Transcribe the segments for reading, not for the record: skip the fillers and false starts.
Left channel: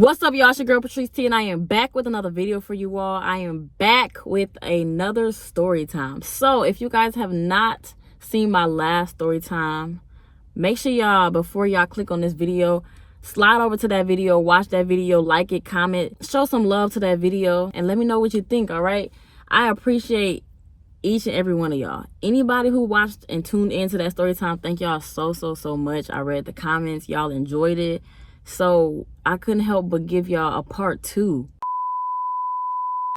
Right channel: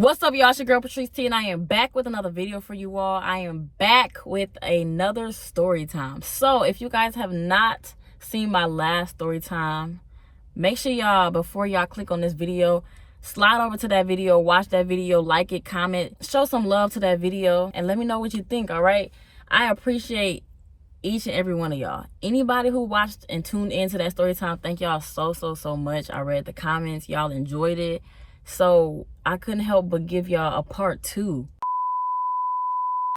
What's up, y'all? It's your girl Patrice T, and I am back with another video for you all. I am back with another story time. So if you guys have not seen my last story time, make sure y'all, before y'all click on this video, slide over to that video, watch that video, like it, comment, show some love to that video, and let me know what you think. All right, I appreciate each and every one of y'all. Anybody who watched and tuned into that story time, thank y'all so much. I read the comments, y'all enjoyed it, so I couldn't help but give y'all a part 2.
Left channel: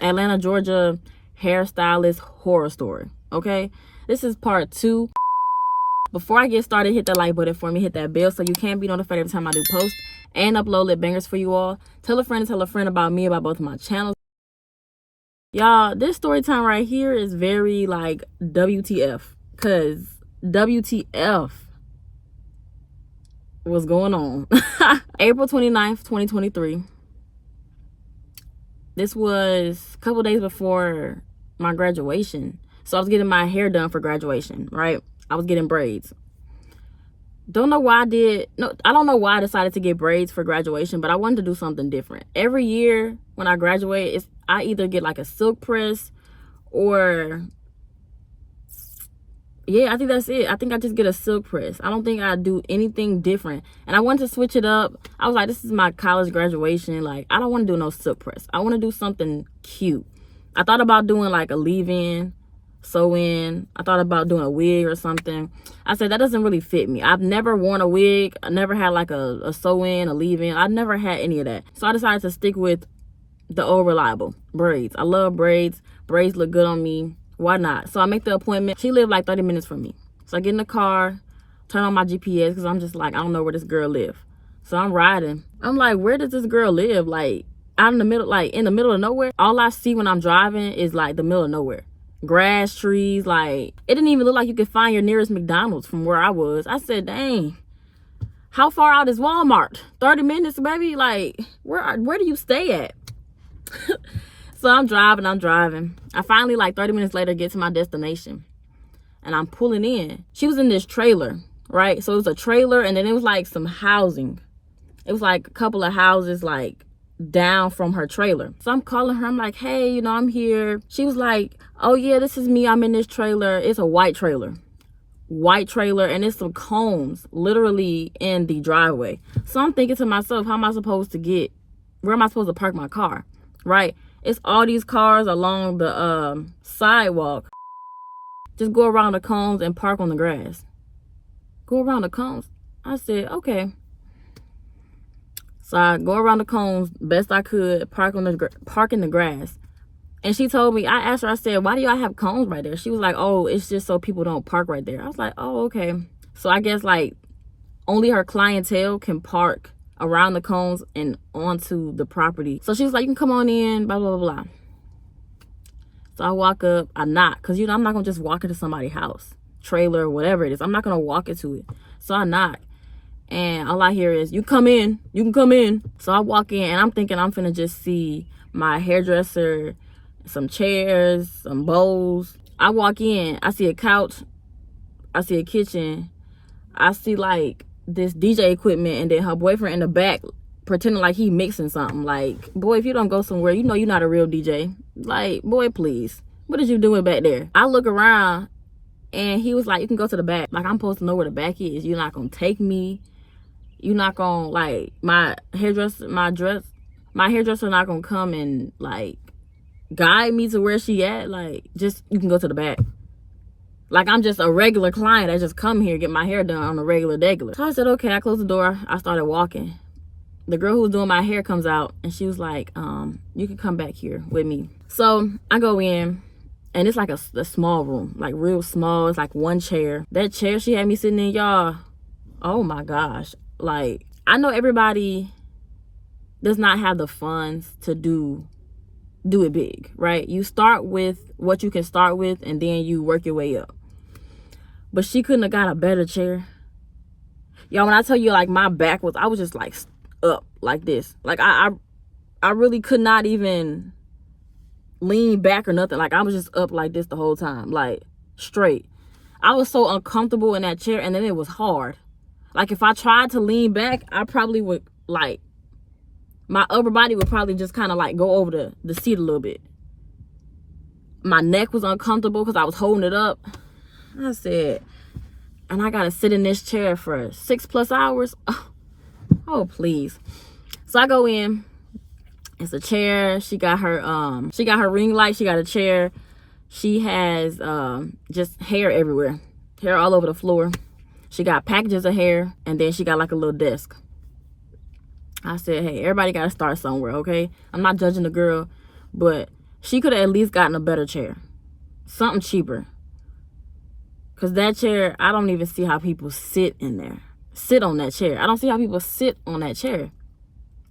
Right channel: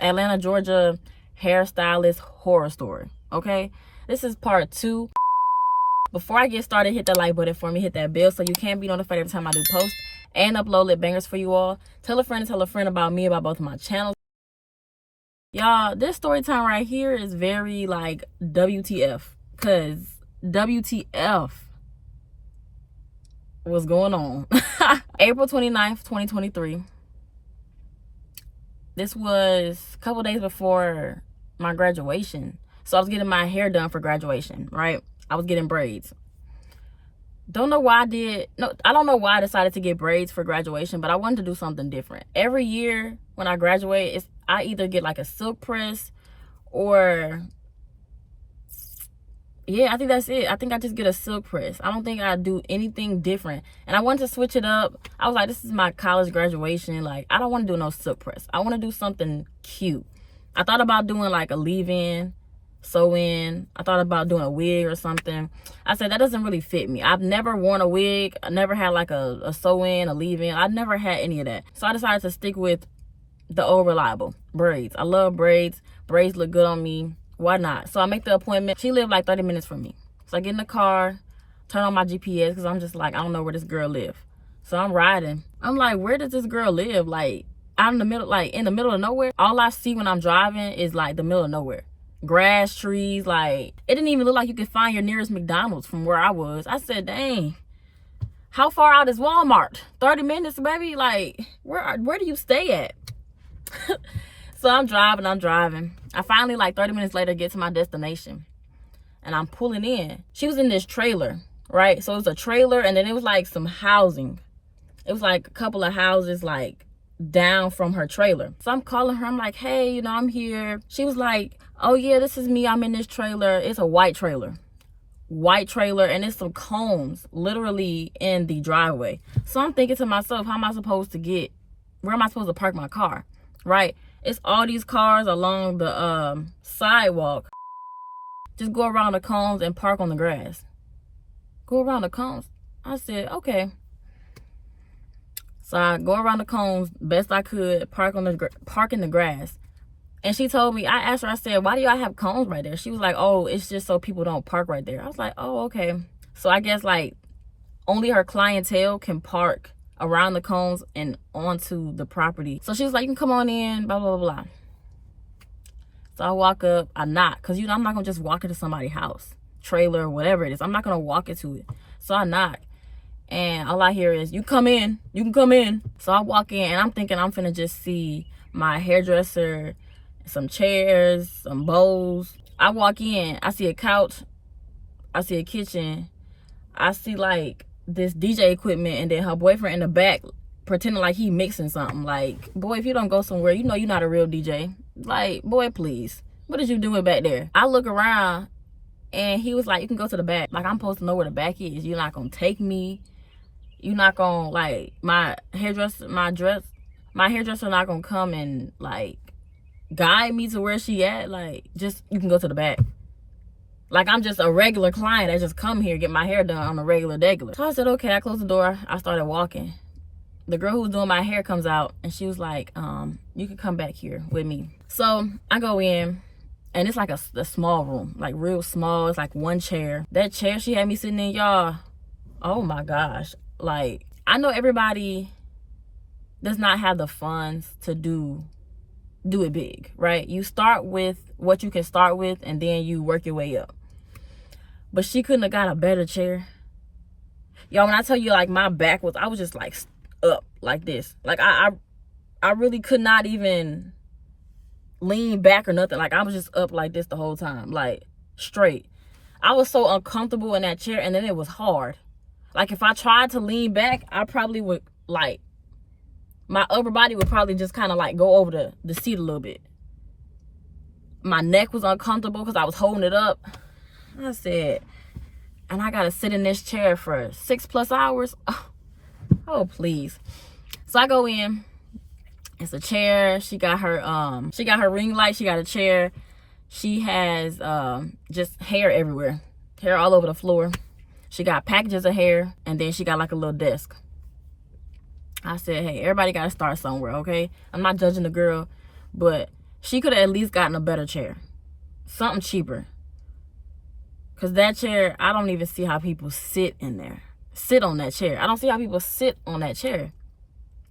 Atlanta, Georgia hairstylist horror story. Okay, this is part 2. Before I get started, hit that like button for me, hit that bell so you can be notified every time I do post and upload lit bangers for you all. Tell a friend about me, about both of my channels. Y'all, this story time right here is very like WTF, because WTF was going on. April 29th, 2023. This was a couple days before my graduation. So I was getting my hair done for graduation, right? I was getting braids. I don't know why I decided to get braids for graduation, but I wanted to do something different. Every year when I graduate, I either get like a silk press or, yeah, I think that's it. I think I just get a silk press. I don't think I do anything different. And I wanted to switch it up. I was like, this is my college graduation. Like, I don't want to do no silk press. I want to do something cute. I thought about doing like a leave-in, sew-in. I thought about doing a wig or something. I said, that doesn't really fit me. I've never worn a wig. I never had like a sew-in, a leave-in. I never had any of that. So I decided to stick with the old reliable braids. I love braids. Braids look good on me. Why not? So I make the appointment. She lived like 30 minutes from me. So I get in the car, turn on my GPS, because I'm just like, I don't know where this girl live. So I'm riding. I'm like, where does this girl live? Like, out in the middle, like in the middle of nowhere. All I see when I'm driving is like the middle of nowhere. Grass, trees, like it didn't even look like you could find your nearest McDonald's from where I was. I said, dang, how far out is Walmart? 30 minutes, baby? Like, where do you stay at? So I'm driving. I finally, like 30 minutes later, get to my destination, and I'm pulling in. She was in this trailer, right? So it was a trailer, and then it was like some housing. It was like a couple of houses like down from her trailer. So I'm calling her. I'm like, hey, you know, I'm here. She was like, oh yeah, this is me. I'm in this trailer. It's a white trailer, and it's some cones literally in the driveway. So I'm thinking to myself, where am I supposed to park my car? Right? It's all these cars along the sidewalk. Just go around the cones and park on the grass. Go around the cones. I said, okay. So I go around the cones best I could, park in the grass. And she told me, I asked her, I said, why do y'all have cones right there? She was like, oh, it's just so people don't park right there. I was like, oh, okay. So I guess like only her clientele can park around the cones and onto the property. So she was like, you can come on in, blah, blah, blah, blah. So I walk up, I knock, because, you know, I'm not going to just walk into somebody's house, trailer, whatever it is. I'm not going to walk into it. So I knock, and all I hear is, you come in, you can come in. So I walk in, and I'm thinking I'm finna just see my hairdresser, some chairs, some bowls. I walk in, I see a couch, I see a kitchen, I see like this DJ equipment, and then her boyfriend in the back pretending like he mixing something. Like, boy, if you don't go somewhere, you know you're not a real DJ. Like, boy, please, what is you doing back there? I look around, and he was like, you can go to the back. Like, I'm supposed to know where the back is. You're not gonna take me. You're not gonna, like, my hairdresser not gonna come and like guide me to where she at. Like, just, you can go to the back. Like, I'm just a regular client that just come here, get my hair done on a regular. So I said, okay. I closed the door. I started walking. The girl who was doing my hair comes out, and she was like, you can come back here with me. So I go in, and it's like a small room, like real small. It's like one chair. That chair she had me sitting in, y'all, oh my gosh. Like, I know everybody does not have the funds to do it big, right? You start with what you can start with, and then you work your way up. But she couldn't have got a better chair. Y'all, when I tell you, like, my back was, I was just like up like this. Like, I really could not even lean back or nothing. Like, I was just up like this the whole time, like straight. I was so uncomfortable in that chair, and then it was hard. Like, if I tried to lean back, I probably would like My upper body would probably just kind of like go over the seat a little bit. My neck was uncomfortable because I was holding it up. I said, and I gotta sit in this chair for 6+ hours. Oh, please. So I go in. It's a chair. She got her ring light. She got a chair. She has just hair everywhere. Hair all over the floor. She got packages of hair, and then she got like a little desk. I said, hey, everybody got to start somewhere, okay? I'm not judging the girl, but she could have at least gotten a better chair. Something cheaper. Because that chair, I don't even see how people sit in there. Sit on that chair. I don't see how people sit on that chair.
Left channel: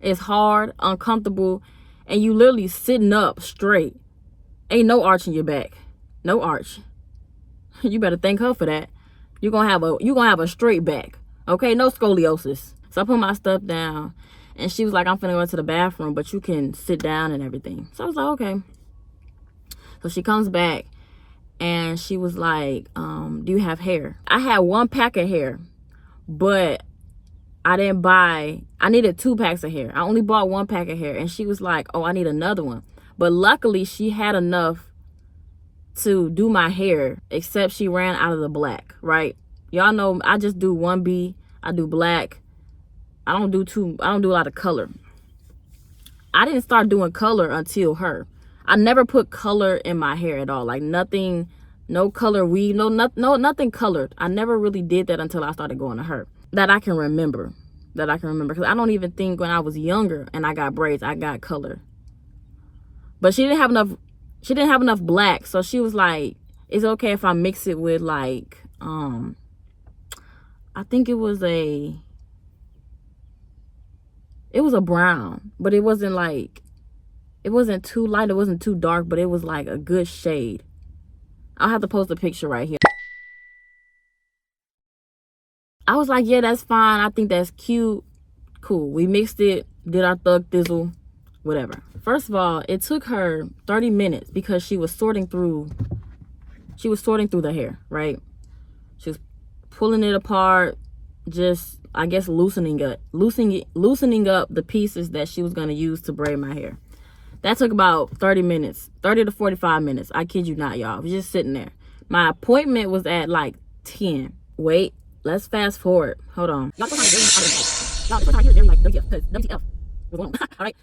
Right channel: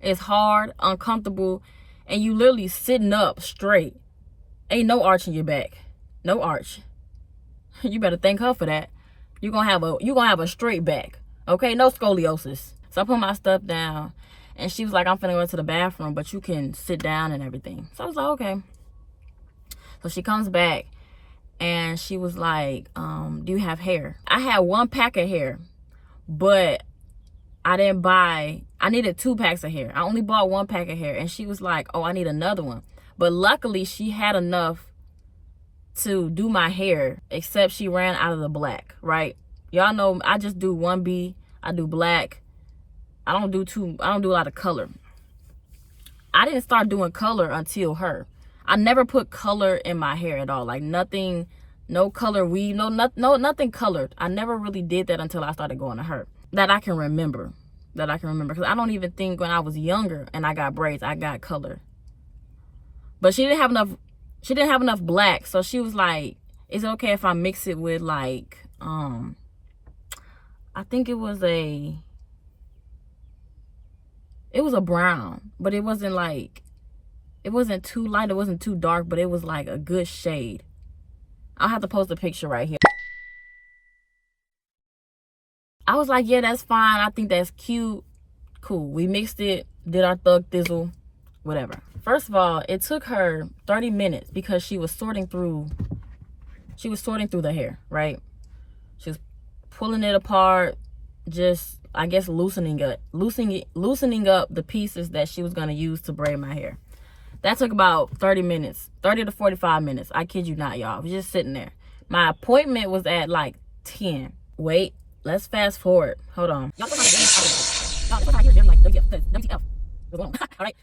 It's hard, uncomfortable, and you literally sitting up straight. Ain't no arch in your back. No arch. You better thank her for that. You're gonna have a straight back. Okay? No scoliosis. So I put my stuff down, and she was like, I'm finna go into the bathroom, but you can sit down and everything. So I was like, okay. So she comes back, and she was like, do you have hair? I had 1 pack of hair, but I needed 2 packs of hair. I only bought 1 pack of hair, and she was like, oh, I need another one. But luckily, she had enough to do my hair, except she ran out of the black, right? Y'all know I just do 1B. I do black. I don't do a lot of color. I didn't start doing color until her. I never put color in my hair at all. Like nothing, no color weave, nothing colored. I never really did that until I started going to her. That I can remember. Because I don't even think when I was younger and I got braids, I got color. But she didn't have enough black, so she was like, it's okay if I mix it with like I think it was a brown, but it wasn't too light, it wasn't too dark, but it was like a good shade. I'll have to post a picture right here. I was like, yeah, that's fine. I think that's cute. Cool. We mixed it, did our thug thizzle, whatever. First of all, it took her 30 minutes because she was sorting through the hair, right? She was pulling it apart, just, I guess, loosening up the pieces that she was going to use to braid my hair. That took about 30 minutes, 30 to 45 minutes. I kid you not, y'all. I was just sitting there. My appointment was at like 10. Wait, let's fast forward. Hold on.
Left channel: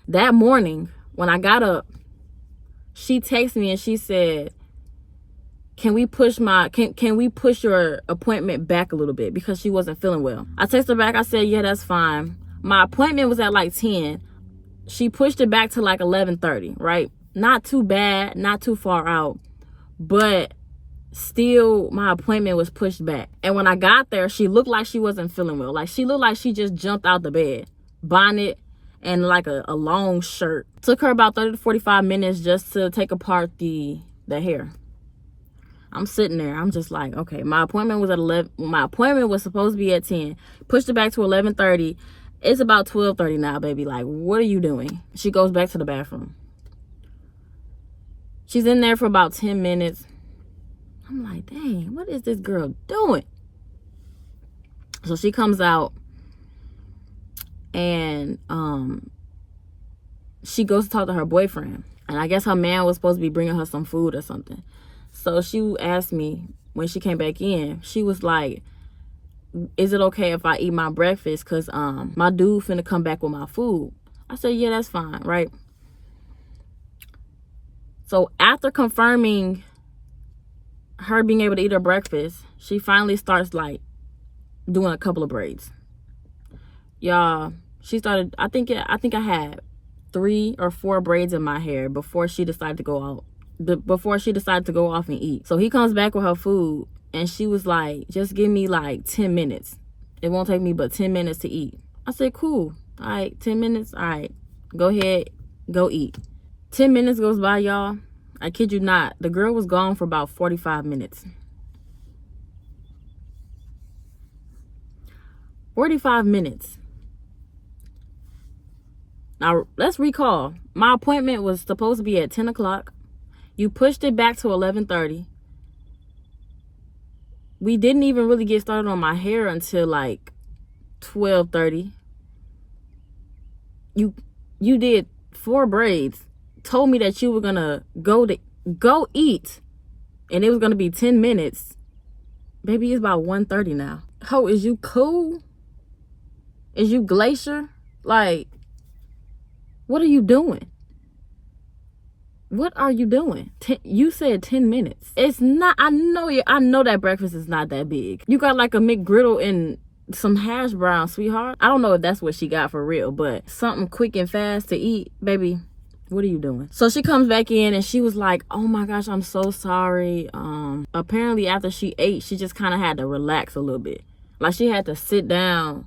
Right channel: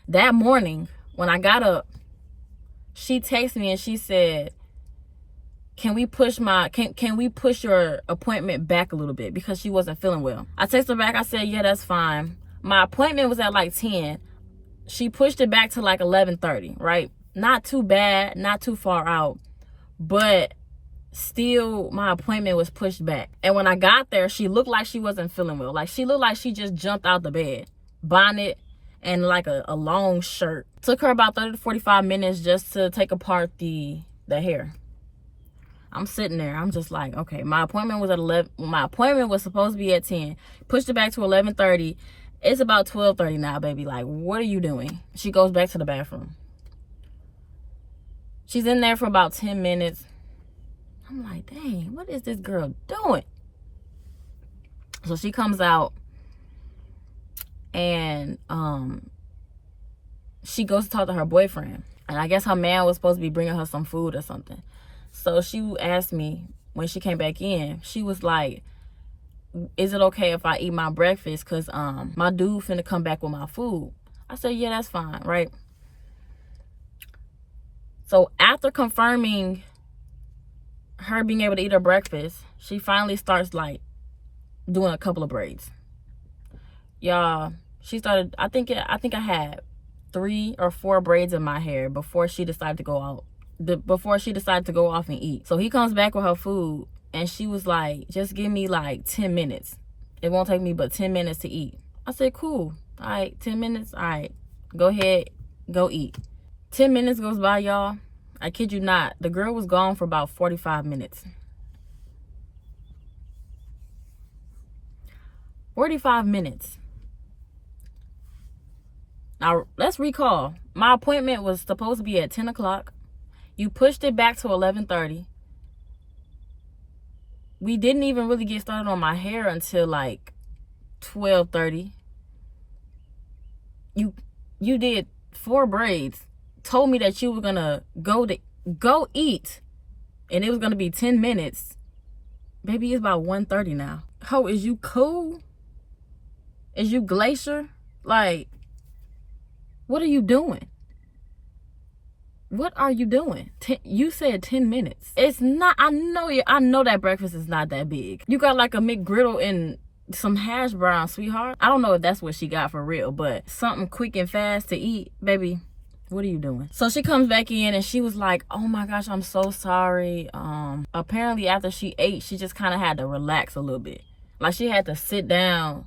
That morning, when I got up, she texted me and she said, can we push your appointment back a little bit, because she wasn't feeling well. I texted her back. I said, yeah, that's fine. My appointment was at like 10. She pushed it back to like 11:30, right? Not too bad, not too far out, but still my appointment was pushed back. And when I got there, she looked like she wasn't feeling well. Like she looked like she just jumped out the bed. Bonnet and like a long shirt. Took her about 30 to 45 minutes just to take apart the hair. I'm sitting there. I'm just like, okay, my appointment was at 11. My appointment was supposed to be at 10. Pushed it back to 11:30. It's about 12:30 now, baby. Like, what are you doing? She goes back to the bathroom. She's in there for about 10 minutes. I'm like, dang, what is this girl doing? So she comes out and she goes to talk to her boyfriend. And I guess her man was supposed to be bringing her some food or something. So she asked me when she came back in, she was like, is it okay if I eat my breakfast? Because my dude finna come back with my food. I said, yeah, that's fine, right? So after confirming her being able to eat her breakfast, she finally starts like doing a couple of braids. Y'all, she started, I think I had 3 or 4 braids in my hair before she decided to go out. Before she decided to go off and eat. So he comes back with her food and she was like, just give me like 10 minutes. It won't take me but 10 minutes to eat. I said, cool. All right, 10 minutes. All right, go ahead, go eat. 10 minutes goes by, y'all. I kid you not. The girl was gone for about 45 minutes. 45 minutes. Now, let's recall. My appointment was supposed to be at 10 o'clock. You pushed it back to 11:30. We didn't even really get started on my hair until like 12:30. you did 4 braids, told me that you were gonna go eat, and it was gonna be 10 minutes. Baby, it's about 1:30 now. Ho, is you cool? Is you Glacier? Like, what are you doing? What are you doing? You said 10 minutes. It's not, I know that breakfast is not that big. You got like a McGriddle and some hash brown, sweetheart. I don't know if that's what she got for real, but something quick and fast to eat, baby. What are you doing? So she comes back in and she was like, oh my gosh, I'm so sorry. Apparently after she ate, she just kind of had to relax a little bit. Like she had to sit down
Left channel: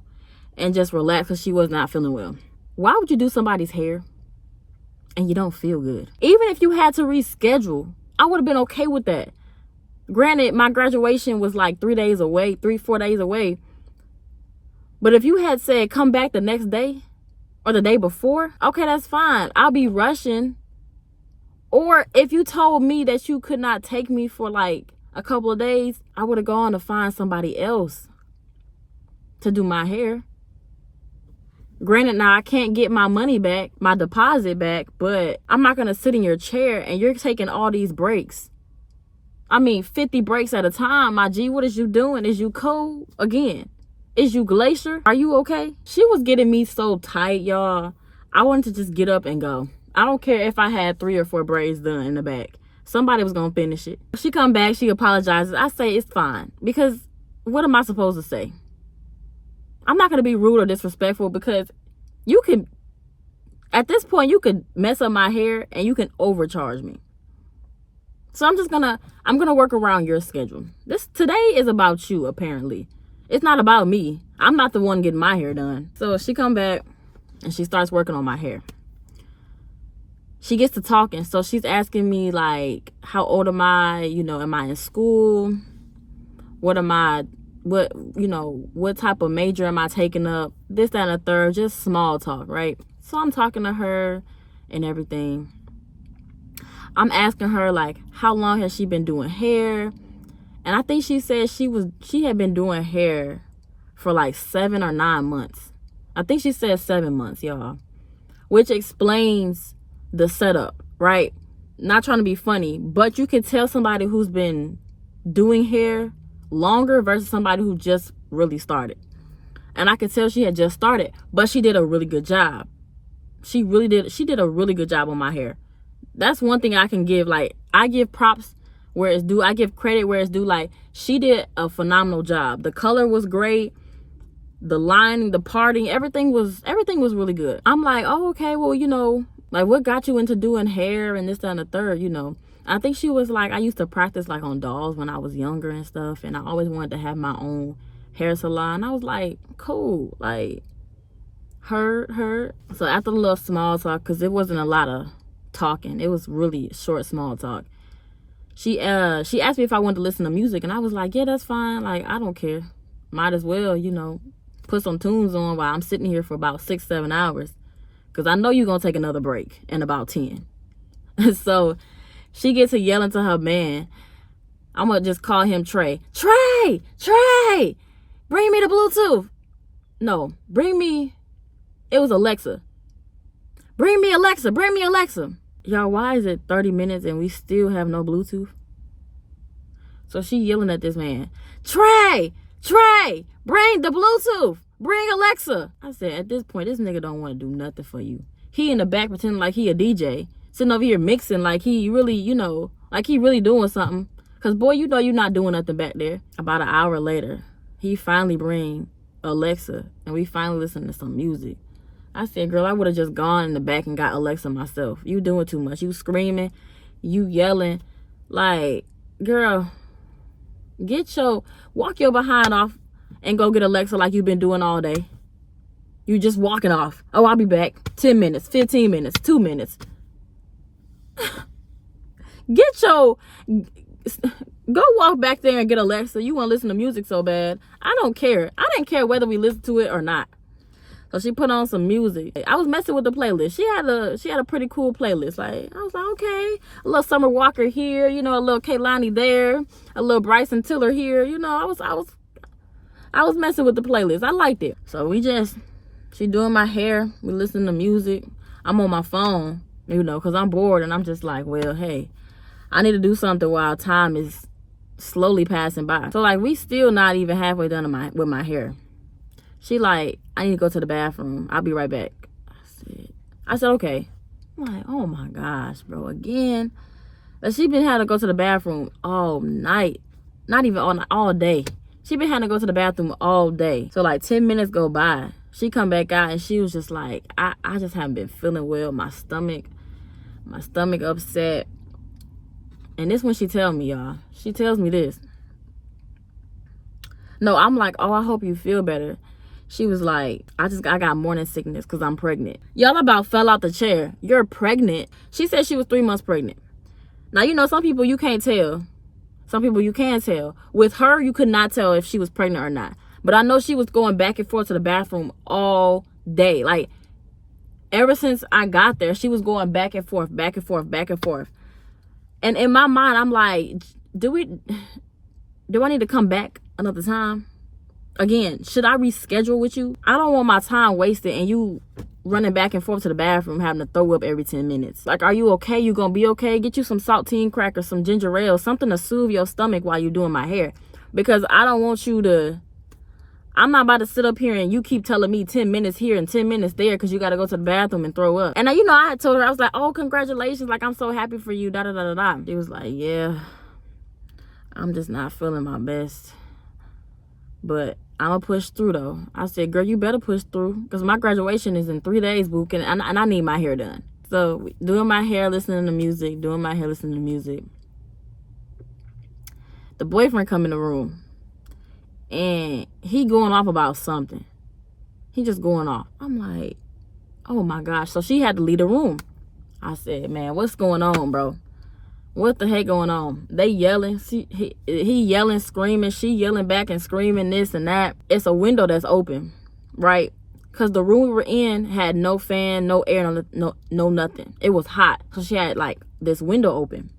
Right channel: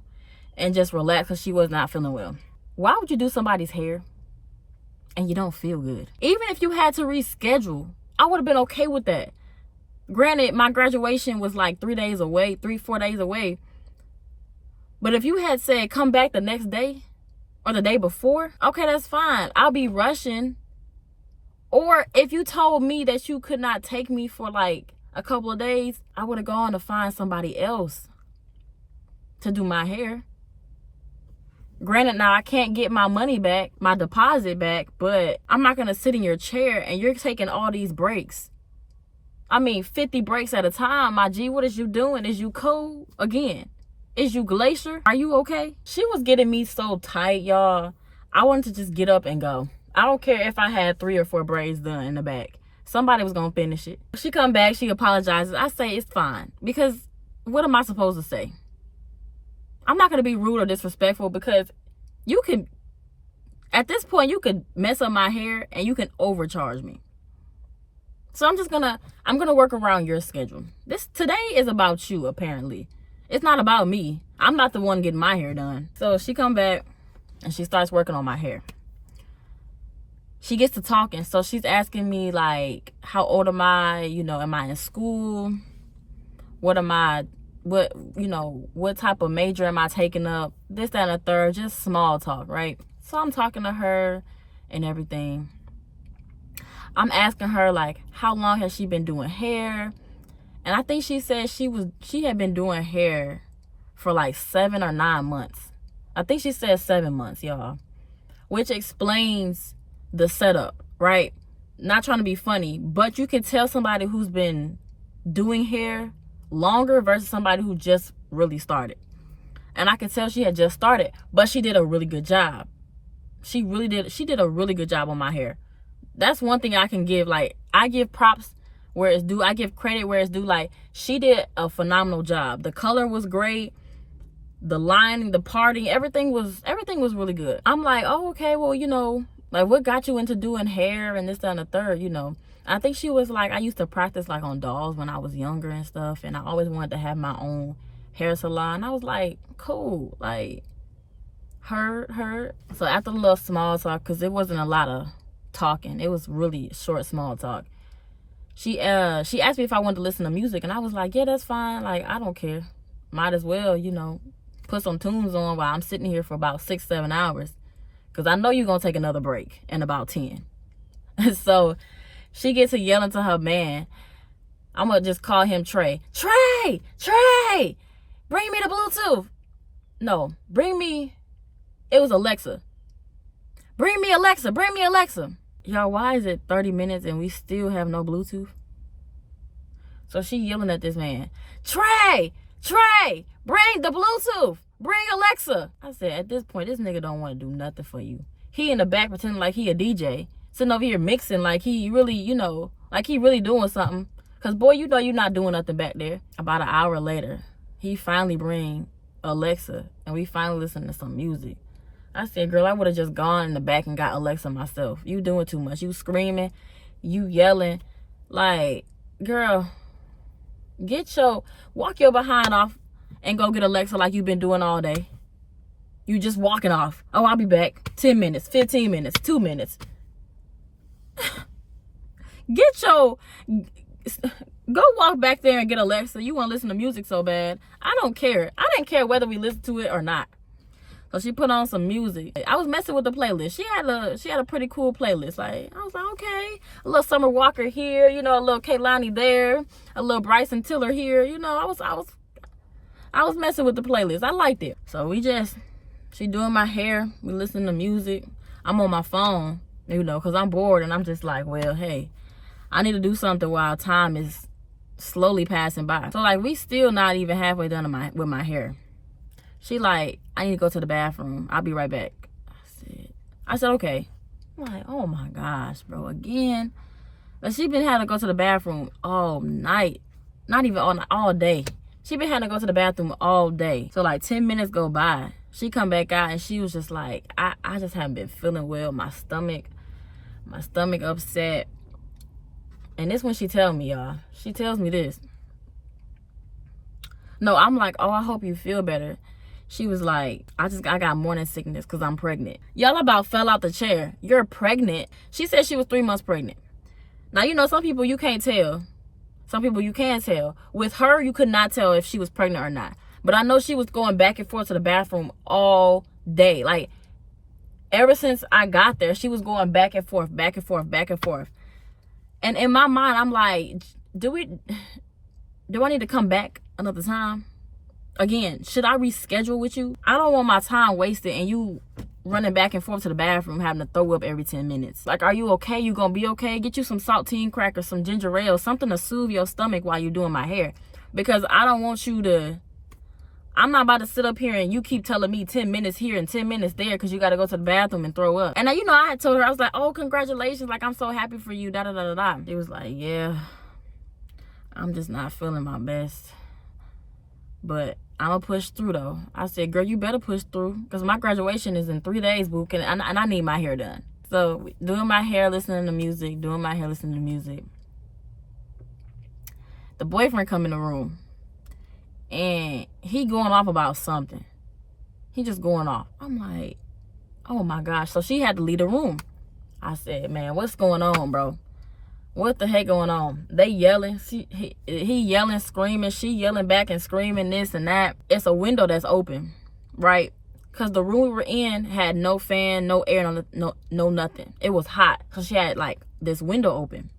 and just relax because she was not feeling well. Why would you do somebody's hair and you don't feel good? Even if you had to reschedule, I would have been okay with that. Granted, my graduation was like 4 days away. But if you had said come back the next day or the day before, okay, that's fine. I'll be rushing. Or if you told me that you could not take me for like a couple of days, I would have gone to find somebody else to do my hair. Granted, now I can't get my money back, my deposit back, but I'm not going to sit in your chair and you're taking all these breaks. I mean, 50 breaks at a time, my G. What is you doing? Is you cold? Again, is you Glacier? Are you okay? She was getting me so tight, y'all. I wanted to just get up and go. I don't care if I had 3 or 4 braids done in the back. Somebody was going to finish it. She come back, she apologizes. I say it's fine, because what am I supposed to say? I'm not going to be rude or disrespectful, because you can, at this point, you could mess up my hair and you can overcharge me. So I'm going to work around your schedule. Today is about you, apparently. It's not about me. I'm not the one getting my hair done. So she come back and she starts working on my hair. She gets to talking. So she's asking me like, how old am I? You know, am I in school? What type of major am I taking up? This, that, and the third, just small talk, right? So I'm talking to her and everything. I'm asking her like, how long has she been doing hair? And I think she said she had been doing hair for like 7 or 9 months. I think she said 7 months, y'all. Which explains the setup, right? Not trying to be funny, but you can tell somebody who's been doing hair longer versus somebody who just really started. And I could tell she had just started, but she did a really good job. She did a really good job on my hair. That's one thing I can give. Like, I give props where it's due. I give credit where it's due. Like, she did a phenomenal job. The color was great. The lining, the parting, everything was really good. I'm like, oh, okay, well, you know, like, what got you into doing hair and this, that, and the third, you know? I think she was like, I used to practice like on dolls when I was younger and stuff, and I always wanted to have my own hair salon. I was like, cool, like, her. So after the little small talk, because it wasn't a lot of talking, it was really short small talk, she asked me if I wanted to listen to music, and I was like, yeah, that's fine. Like, I don't care. Might as well, you know, put some tunes on while I'm sitting here for about 6-7 hours, because I know you're gonna take another break in about 10. So she gets to yelling to her man. I'm gonna just call him Trey. Trey, bring me the Bluetooth. No, it was Alexa. Bring me Alexa. Y'all, why is it 30 minutes and we still have no Bluetooth? So she yelling at this man. Trey, bring the Bluetooth. Bring Alexa. I said, at this point, this nigga don't want to do nothing for you. He in the back pretending like he a DJ. Sitting over here mixing like he really, you know, like he really doing something. Because, boy, you know you're not doing nothing back there. About an hour later, he finally bring Alexa, and we finally listen to some music. I said, girl, I would have just gone in the back and got Alexa myself. You doing too much. You screaming. You yelling. Like, girl, walk your behind off and go get Alexa like you've been doing all day. You just walking off. Oh, I'll be back. 10 minutes, 15 minutes, 2 minutes. Go walk back there and get Alexa. You want to listen to music so bad. I don't care. I didn't care whether we listened to it or not. So she put on some music. I was messing with the playlist. She had a pretty cool playlist. Like, I was like, okay, a little Summer Walker here, you know, a little Kehlani there, a little Bryson Tiller here. You know, I was messing with the playlist. I liked it. So she doing my hair. We listening to music. I'm on my phone, you know, because I'm bored, and I'm just like, well, hey, I need to do something while time is slowly passing by. So like, we still not even halfway done with my hair. She like, I need to go to the bathroom. I'll be right back. I said, okay. I'm like, oh my gosh, bro, again. Like, she been having to go to the bathroom all night. Not even all day. She been having to go to the bathroom all day. So like 10 minutes go by. She come back out and she was just like, I just haven't been feeling well. My stomach upset. And this when she tell me, y'all. She tells me this. No, I'm like, oh, I hope you feel better. She was like, I got morning sickness because I'm pregnant. Y'all about fell out the chair. You're pregnant. She said she was 3 months pregnant. Now, you know, some people you can't tell. Some people you can tell. With her, you could not tell if she was pregnant or not. But I know she was going back and forth to the bathroom all day. Like, ever since I got there, she was going back and forth, back and forth, back and forth. And in my mind, I'm like, do I need to come back another time? Again, should I reschedule with you? I don't want my time wasted and you running back and forth to the bathroom having to throw up every 10 minutes. Like, are you okay? You gonna be okay? Get you some saltine crackers, some ginger ale, something to soothe your stomach while you're doing my hair. Because I don't want you to... I'm not about to sit up here and you keep telling me 10 minutes here and 10 minutes there because you got to go to the bathroom and throw up. And you know, I had told her, I was like, oh, congratulations. Like, I'm so happy for you, da da da da da. She was like, yeah, I'm just not feeling my best. But I'm going to push through, though. I said, girl, you better push through because my graduation is in 3 days, boo, and I need my hair done. So doing my hair, listening to music, The boyfriend come in the room. And he going off about something. He just going off. I'm like, oh my gosh. So she had to leave the room. I said, man, what's going on, bro? What the heck going on? They yelling. He yelling, screaming. She yelling back and screaming this and that. It's a window that's open, right? Because the room we were in had no fan, no air, no nothing. It was hot. So she had like this window open.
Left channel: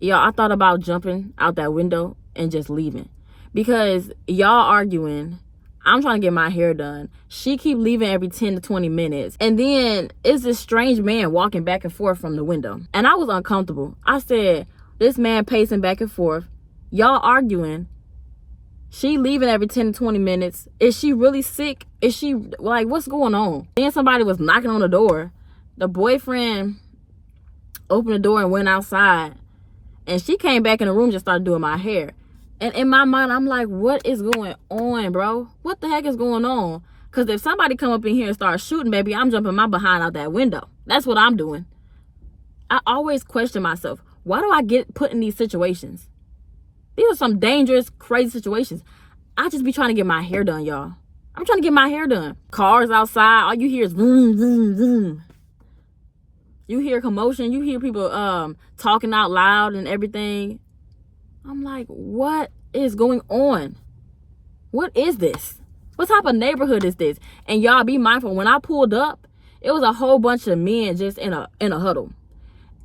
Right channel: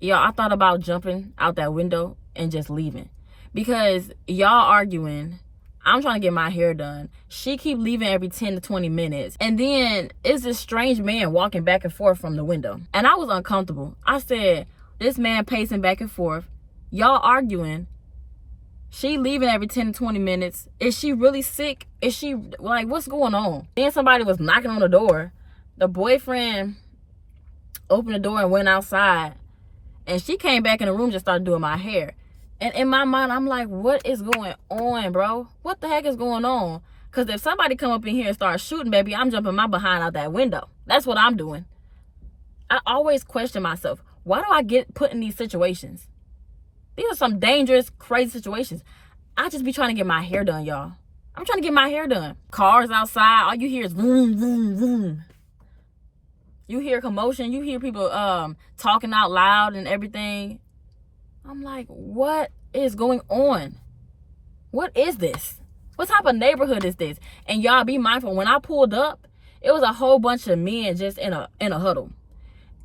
Y'all, I thought about jumping out that window and just leaving. Because y'all arguing, I'm trying to get my hair done. She keep leaving every 10 to 20 minutes. And then it's this strange man walking back and forth from the window. And I was uncomfortable. I said, this man pacing back and forth. Y'all arguing. She leaving every 10 to 20 minutes. Is she really sick? Is she, like, what's going on? Then somebody was knocking on the door. The boyfriend opened the door and went outside. And she came back in the room and just started doing my hair. And in my mind, I'm like, what is going on, bro? What the heck is going on? Because if somebody come up in here and start shooting, baby, I'm jumping my behind out that window. That's what I'm doing. I always question myself. Why do I get put in these situations? These are some dangerous, crazy situations. I just be trying to get my hair done, y'all. I'm trying to get my hair done. Cars outside, all you hear is vroom, vroom, vroom. You hear commotion. You hear people talking out loud and everything. I'm like, what is going on? What is this? What type of neighborhood is this? And y'all be mindful, when I pulled up, it was a whole bunch of men just in a huddle.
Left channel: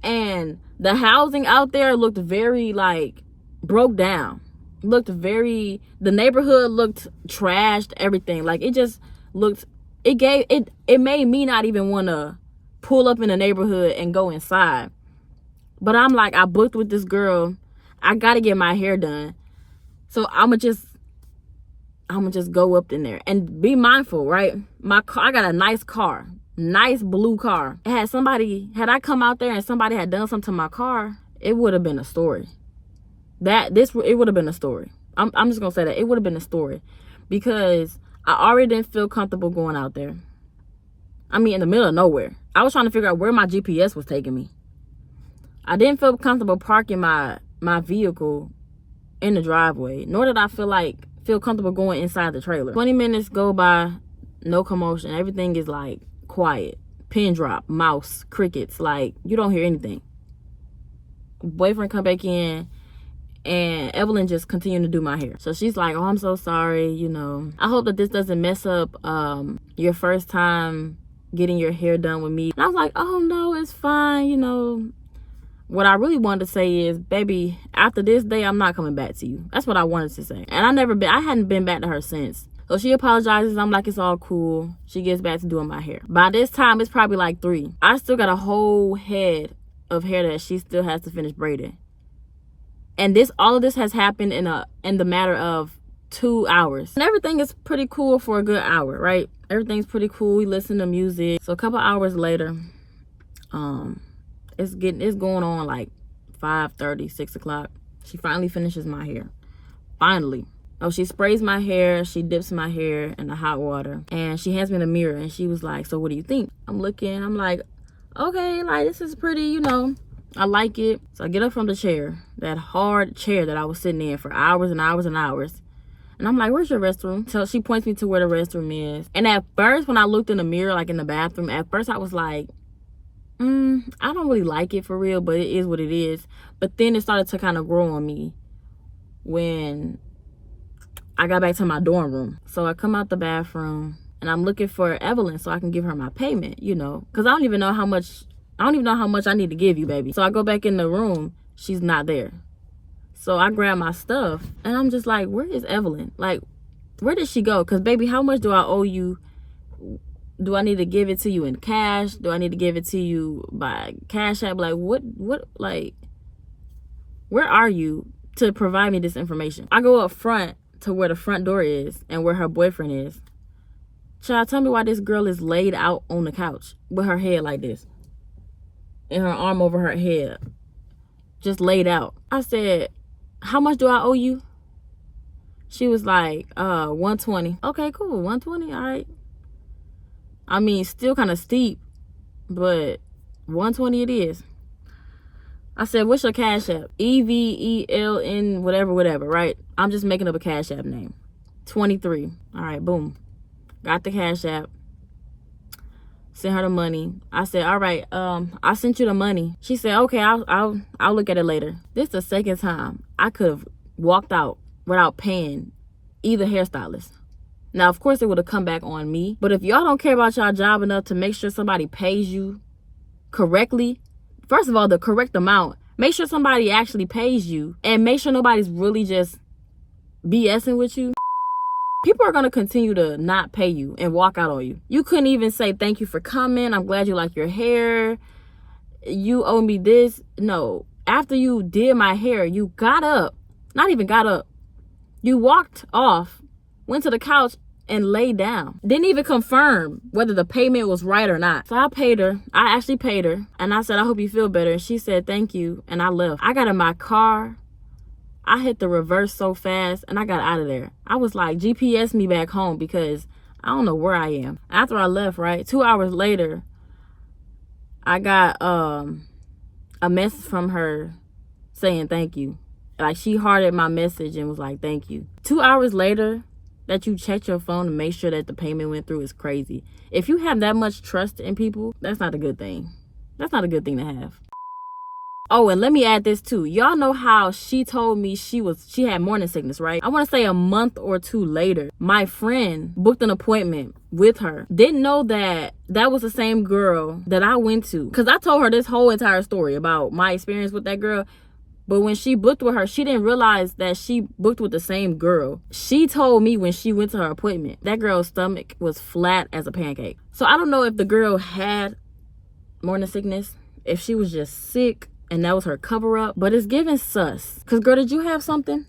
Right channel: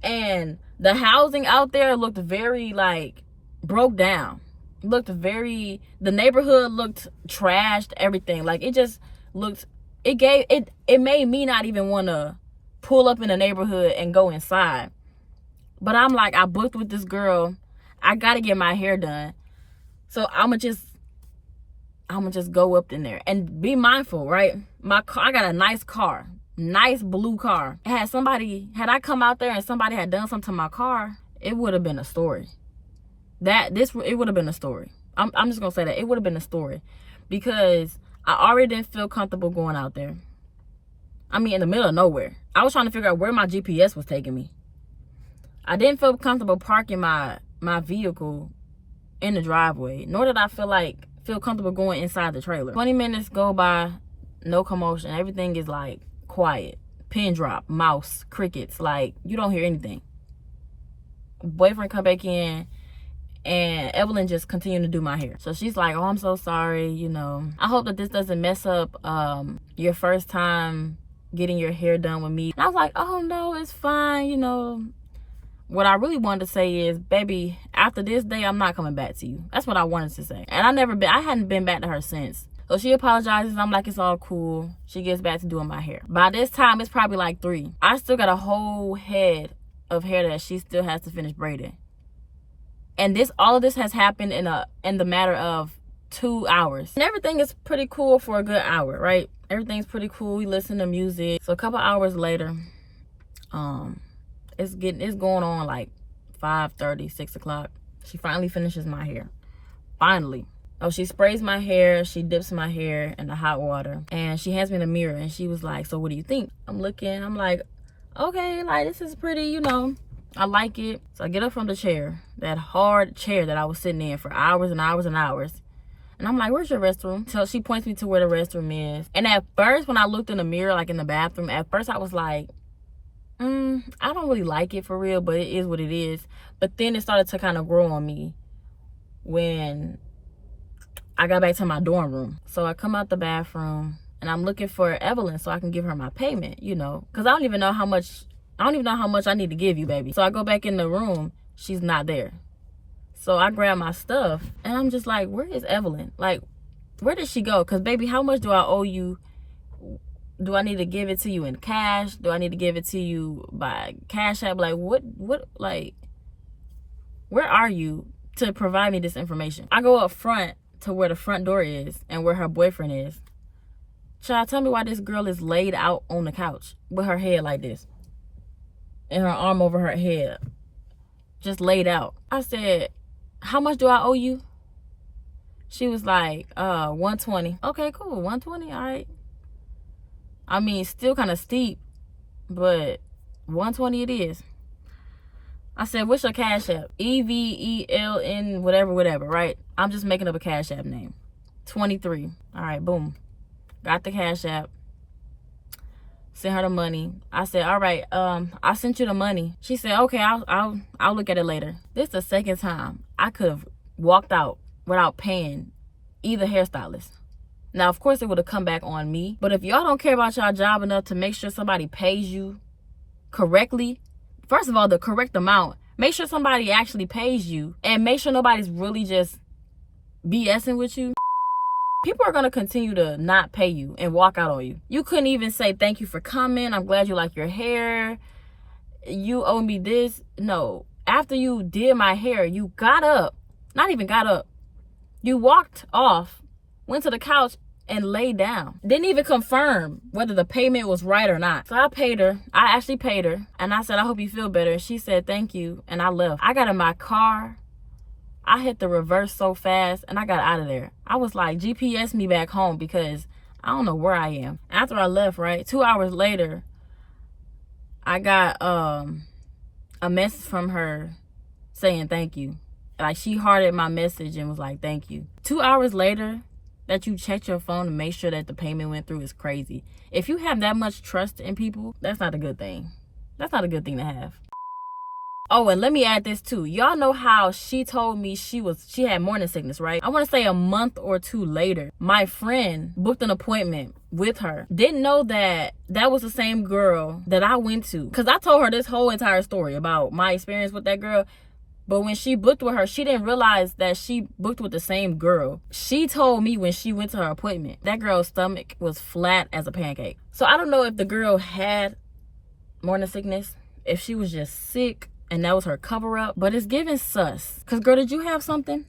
And the housing out there looked very, like, broke down. The neighborhood looked trashed, everything. Like, it just looked, it made me not even want to pull up in the neighborhood and go inside. But I'm like, I booked with this girl. I gotta get my hair done. So I'ma just go up in there and be mindful, right? My car, I got a nice car, nice blue car. Had I come out there and somebody had done something to my car, it would have been a story. It would have been a story. I'm just gonna say that it would have been a story, because I already didn't feel comfortable going out there. I mean, in the middle of nowhere. I was trying to figure out where my GPS was taking me. I didn't feel comfortable parking my vehicle in the driveway, nor did I feel comfortable going inside the trailer. 20 minutes go by, no commotion. Everything is like quiet. Pin drop, mouse, crickets, like you don't hear anything. Boyfriend come back in and Evelyn just continued to do my hair. So she's like, oh, I'm so sorry, you know. I hope that this doesn't mess up your first time getting your hair done with me. And I was like, oh no, it's fine, you know. What I really wanted to say is, baby, after this day, I'm not coming back to you. That's what I wanted to say. And I hadn't been back to her since. So she apologizes. I'm like, it's all cool. She gets back to doing my hair. By this time, it's probably like 3. I still got a whole head of hair that she still has to finish braiding. And all of this has happened in the matter of 2 hours. And everything is pretty cool for a good hour, right? Everything's pretty cool. We listen to music. So a couple hours later, it's going on like 5:30, 6 o'clock. She finally finishes my hair. Finally. Oh, she sprays my hair. She dips my hair in the hot water. And she hands me the mirror. And she was like, so what do you think? I'm looking. I'm like, okay, like this is pretty, you know. I like it. So I get up from the chair. That hard chair that I was sitting in for hours and hours and hours. And I'm like, where's your restroom? So she points me to where the restroom is. And at first, when I looked in the mirror, like in the bathroom, at first I was like, I don't really like it for real, but it is what it is. But then it started to kind of grow on me when I got back to my dorm room. So I come out the bathroom and I'm looking for Evelyn so I can give her my payment, you know, because I don't even know how much I need to give you, baby. So I go back in the room. She's not there. So I grab my stuff and I'm just like, where is Evelyn? Like, where did she go? Because, baby, how much do I owe you? Do I need to give it to you in cash? Do I need to give it to you by Cash App? Like, like, where are you to provide me this information? I go up front to where the front door is and where her boyfriend is. Child, tell me why this girl is laid out on the couch with her head like this and her arm over her head, just laid out. I said, how much do I owe you? She was like, 120. Okay, cool, 120, all right. I mean, still kind of steep, but 120 it is. I said, what's your Cash App? EVELN, whatever, right? I'm just making up a Cash App name. 23. All right, boom. Got the Cash App. Sent her the money. I said, all right, I sent you the money. She said, okay, I'll look at it later. This is the second time I could have walked out without paying either hairstylist. Now, of course, it would have come back on me. But if y'all don't care about y'all job enough to make sure somebody pays you correctly, first of all, the correct amount, make sure somebody actually pays you, and make sure nobody's really just BSing with you. People are going to continue to not pay you and walk out on you. You couldn't even say, thank you for coming. I'm glad you like your hair. You owe me this. No. After you did my hair, you got up. Not even got up. You walked off, went to the couch, and laid down. Didn't even confirm whether the payment was right or not. So I paid her. I actually paid her. And I said, I hope you feel better. And she said, thank you. And I left. I got in my car. I hit the reverse so fast and I got out of there. I was like, GPS me back home because I don't know where I am. After I left, right, 2 hours later, I got a message from her saying thank you. Like, she hearted my message and was like, thank you. 2 hours later, that you checked your phone to make sure that the payment went through is crazy. If you have that much trust in people, that's not a good thing. That's not a good thing to have. Oh, and let me add this too. Y'all know how she told me she had morning sickness, right? I want to say a month or two later, my friend booked an appointment with her. Didn't know that was the same girl that I went to. Because I told her this whole entire story about my experience with that girl. But when she booked with her, she didn't realize that she booked with the same girl. She told me when she went to her appointment, that girl's stomach was flat as a pancake. So I don't know if the girl had morning sickness, if she was just sick and that was her cover up, but it's giving sus. Cause girl, did you have something?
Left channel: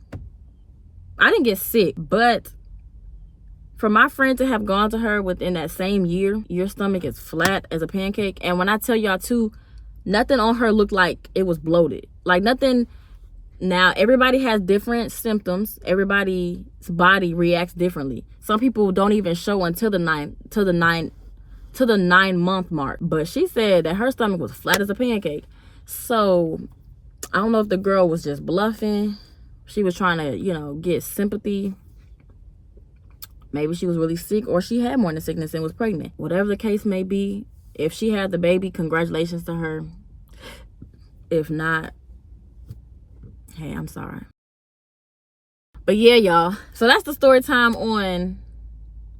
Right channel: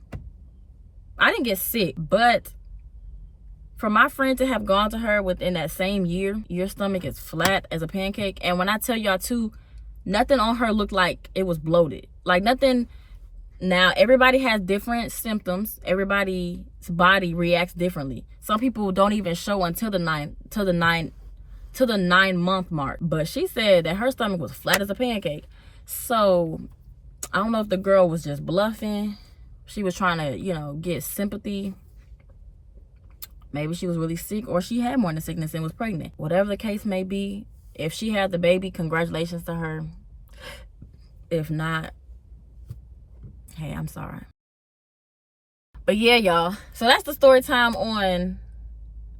I didn't get sick, but for my friend to have gone to her within that same year, your stomach is flat as a pancake. And when I tell y'all too, nothing on her looked like it was bloated. Like nothing. Now, everybody has different symptoms. Everybody's body reacts differently. Some people don't even show until the 9-month mark. But she said that her stomach was flat as a pancake. So I don't know if the girl was just bluffing. She was trying to, get sympathy. Maybe she was really sick, or she had morning sickness and was pregnant. Whatever the case may be, if she had the baby, congratulations to her. If not, hey, I'm sorry. But yeah, y'all. So that's the story time on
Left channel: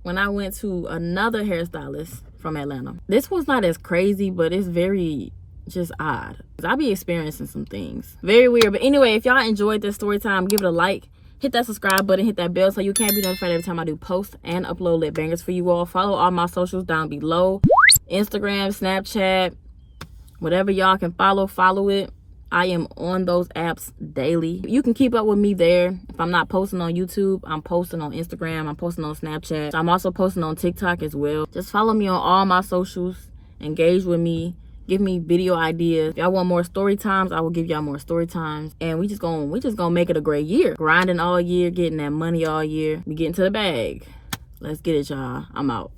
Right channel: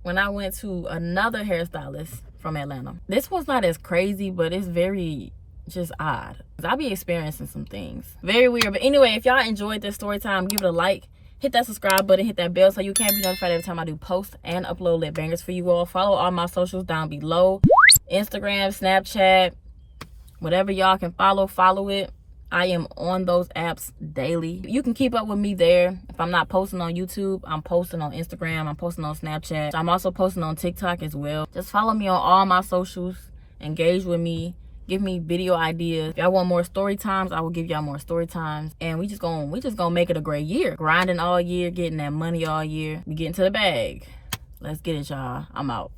when I went to another hairstylist from Atlanta. This one's not as crazy, but it's very just odd. I be experiencing some things. Very weird. But anyway, if y'all enjoyed this story time, give it a like, hit that subscribe button, hit that bell so you can be notified every time I do post and upload lit bangers for you all. Follow all my socials down below. Instagram, Snapchat, whatever y'all can follow it. I am on those apps daily. You can keep up with me there. If I'm not posting on YouTube, I'm posting on Instagram, I'm posting on Snapchat. I'm also posting on TikTok as well. Just follow me on all my socials. Engage with me. Give me video ideas. If y'all want more story times, I will give y'all more story times. And we just gonna make it a great year. Grinding all year, getting that money all year. We getting to the bag. Let's get it, y'all. I'm out.